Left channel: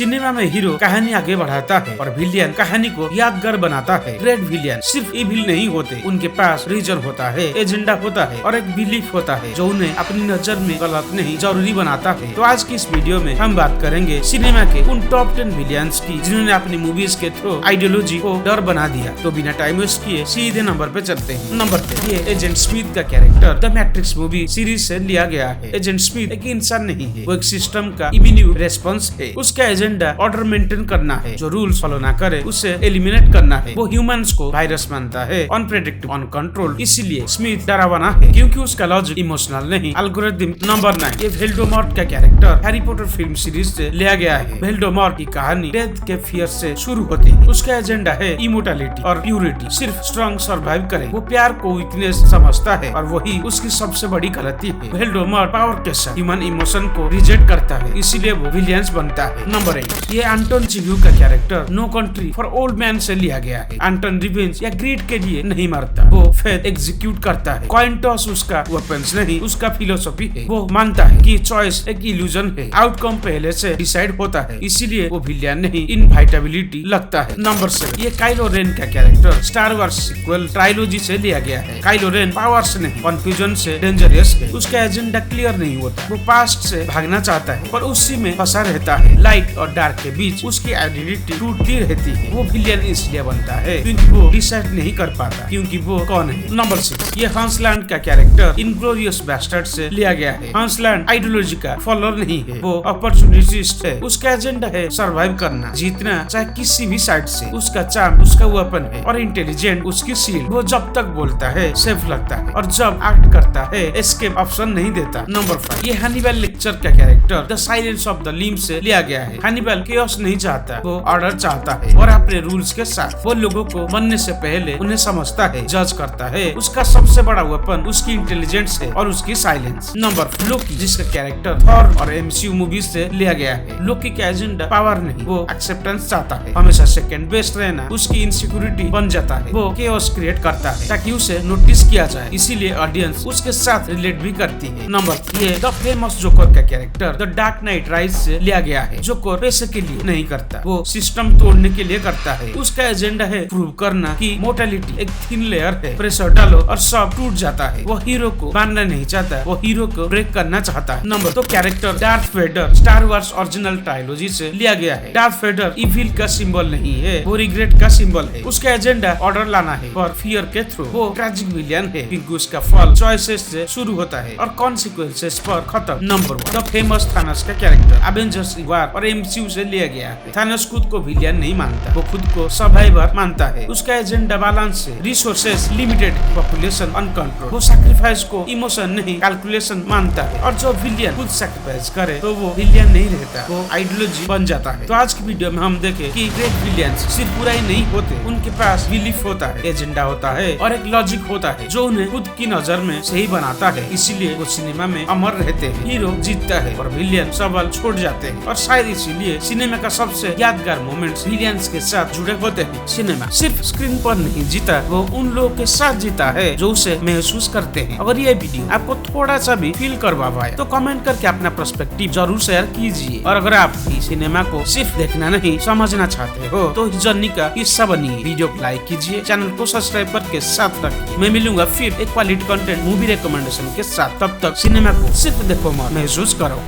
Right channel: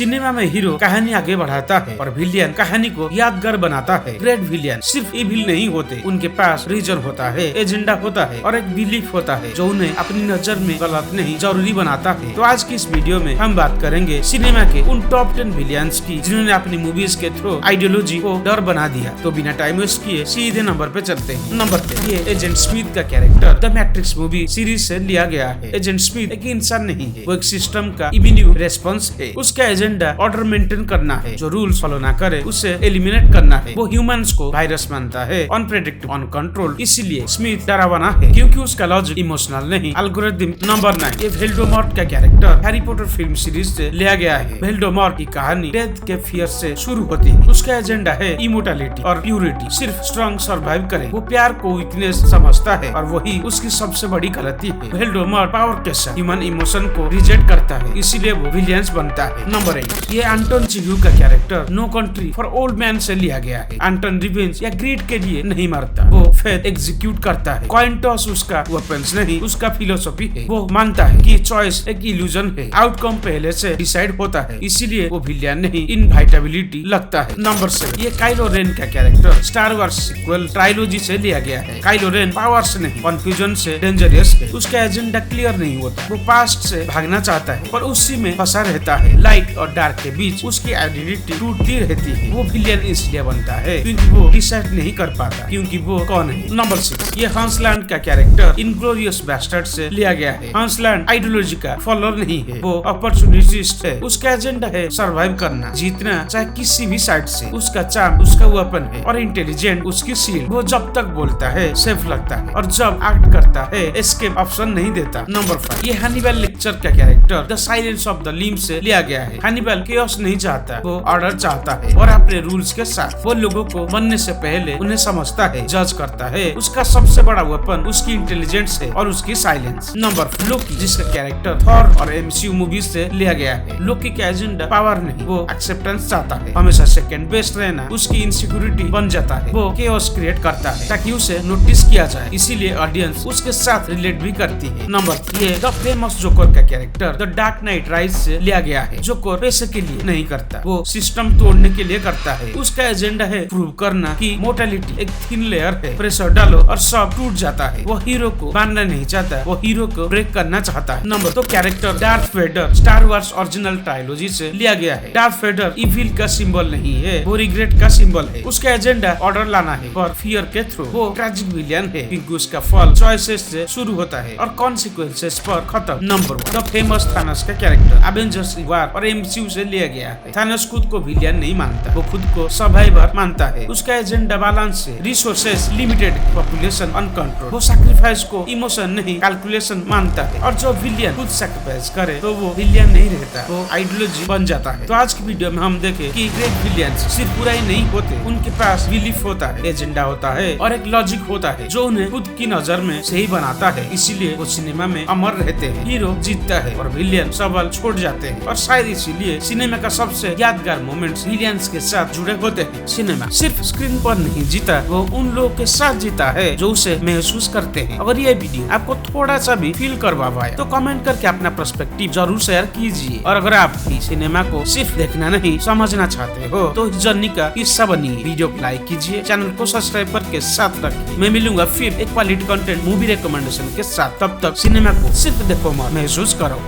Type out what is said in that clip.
Cinema में hero कहानी आगे बढ़ाता है और विलियन कहानी को यादगार बनाता है। ग्रेट विलियन सिर्फ इविल नहीं होते, उनके पास रीजन होता है, एजेंडा होता है और एक बिलीफ होता है जो उन्हें अपनी नजर में गलत नहीं जरूरी बनाता है। तो आज की इस वीडियो में हम बात करेंगे सिनेमा के उन टॉप 10 विलियंस की जिन्होंने अपनी मूवीज के थ्रू आइडियोलॉजी को डर बना दिया। तो बिना टाइम वेस्ट किए सीधे नंबर पे चलते हैं। नंबर 10, ये एजेंट स्मिथ का character the matrix movie series से लिया गया है। एजेंट स्मिथ एक इंसान नहीं है, वो एक सिस्टम का इम्यून रेस्पॉन्स है। उसका एजेंडा ऑर्डर मेंटेन करना है, जो रूल्स फॉलो ना करे उसे एलिमिनेट करना है। वो ह्यूमंस को वायरस मानता है, अनप्रेडिक्टेबल, अनकंट्रोल। इसीलिए स्मिथ डरावना है क्योंकि उसका लॉजिक इमोशनल नहीं, एल्गोरिथम। नंबर 9, ये वोल्डेमॉर्ट का character Harry Potter film series से लिया गया है। वोल्डेमॉर्ट की कहानी डेथ के फियर से शुरू होती है। उसका एजेंडा है इमोर्टैलिटी और प्यूरिटी, सिर्फ स्ट्रॉन्ग सर्वाइव करे। वो प्यार को वीकनेस समझता है और वही उसकी सबसे बड़ी गलती है। वोल्डेमॉर्ट पावर के साथ ह्यूमन इमोशन को रिजेक्ट करता है, इसीलिए वो विलियंस बनता है। नंबर 8, ये एंटन चिग्यू का character no country for old man से लिया गया है। एंटन रिवेंज या ग्रीड के लिए नहीं मरता, वो फेथ एग्जीक्यूट करता है। कॉइन टॉस उसका वेपन्स नहीं, उसका फिलोसफी है। वो मानता है कि चॉइस एक इल्यूजन है, आउटकम पहले से डिसाइड होता है, इसीलिए वो विलियन नहीं इनवाइटेबिलिटी लगता है। नंबर 7, ये काइलो रेन का character star wars sequel trilogy से लिया गया है। काइलो रेन पावर्स नहीं, कंफ्यूजन से डेंजरस है। उसका एजेंडा क्लियर नहीं होता, वो पास्ट से भागना चाहता है पर उसी में फंसा रहता है। लाइट और डार्क के बीच उसकी आइडेंटिटी टूटती रहती है। वो विलियन इसलिए बनता है क्योंकि वो डिसाइड नहीं कर पाता क्योंकि वो कौन है। नंबर 6, ये हंसलैंड का कैरेक्टर इनग्लोरियस बास्टर्ड से लिया गया है। हंसलैंड आइडियोलॉजी का फॉलोअर नहीं है, वो अपॉर्चुनिटिस्ट है। उसका एजेंडा है सर्वाइव करना, जीतना चाहे किसी भी साइड से। उसका चार्म उसका वेपन है और इंटेलिजेंट उसकी शील्ड। वो जब तक बोलता है सेफ लगता है और जब एक्ट करता है एस्केप ऑप्शन नहीं देता। नंबर 5, ये हनीबल लेक्चर का character the silence of the limbs से लिया गया है। हनीबल केओस नहीं चाहता, वो ऑर्डर चाहता है और अपने रूल्स के साथ वो लोगों को बनने से पहले उन्हें समझता है, जज करता है। उसका सबसे बड़ा वेपन उसकी इंटेलिजेंस है और उसकी साइलेंस। नंबर 4, लोकी, जिसका कैरेक्टर थॉर और एमसीयू मूवीज से लिया गया है। लोकी का एजेंडा पावर नहीं, वो एक्सेप्टेंस चाहता है, हमेशा सेकंड बेस्ट रहना उसकी इनसिक्योरिटी बन जाता है। वो केओस क्रिएट करता है ताकि उसे नोटिस किया जाए, इसीलिए ऑडियंस उसके साथ रिलेट भी करती है। नंबर 3, ये द फेमस जोकर का character the dark night rise से लिया गया है। जोकर पैसे के लिए नहीं करता, वो सिस्टम तोड़ने के लिए करता है। उसका एजेंडा है प्रूव करना कि मोर्टेलिटी एक थिन लेयर है, प्रेशर डालो और सब टूट जाता है। वो हीरो को मारना नहीं चाहता, वो हीरो को ब्रेक करना चाहता है। Number 2, character Darth Vader star wars original trilogy से लिया गया है। डार्थ वेडर इविल का सिंबल नहीं है, वो रिग्रेट का सिंबल है। उसका एजेंडा ऑर्डर लाना है और फियर के थ्रू। वो ट्रैजिक विलियन है क्योंकि उसका फल चॉइसेस से शुरू होता है और कॉन्सिक्वेंसेस पर खत्म। नंबर 1, द फेमस थानोस का कैरेक्टर एवेंजर्स वार और एमसीयू से लिया गया है। थानोस खुद को विलियन नहीं मानता, वो खुद को सर्वाइवर मानता है। उसका एजेंडा बैलेंस है, रिसोर्सेस लिमिटेड, पॉपुलेशन अनकंट्रोल। वो सैक्रिफाइस को इमोशन नहीं कैलकुलेशन मानता है और जो विलियन खुद सैक्रिफाइस करे तो वो विलियन नहीं रहता, वो आइडियोलॉजी बन जाता है। तो आज की वीडियो में हम देखे कि ग्रेट विलियंस सिर्फ बुरा ही नहीं होते, उनके पास बिलीफ होता है, एजेंडा होता है और एक लॉजिक होता है जो उन्हें खुद की नजर में सही बनाता है। इसीलिए वो सिनेमा में अमर रहते हैं। हीरो जीतता है और विलियन सबल छोड़ जाते हैं और शायद इसीलिए सिनेमा का सबसे यादगार मोमेंट्स विलियंस के साथ जुड़े होते हैं। सिनेमा सिर्फ स्क्रीन पर नहीं जीता, वो उन लोगों के साथ जीता है जो उसे महसूस करते हैं। अगर ये वीडियो आपको थोड़ा सा भी फील करवा पाया तो कमेंट करके अपना पर्सपेक्टिव जरूर शेयर कीजिए। और अगर आप भी सिनेमा को सिर्फ देखना नहीं समझना चाहते हो तो इस जर्नी का हिस्सा बनिए। वीडियो को लाइक कीजिए, चैनल को सब्सक्राइब करके साथ रखिए। मैं मिलूंगा फिर एक क्वालिटी कंटेंट मूवी रिकमेंडेशन के साथ। तब तक सिनेमा को सिर्फ देखो मत महसूस करो।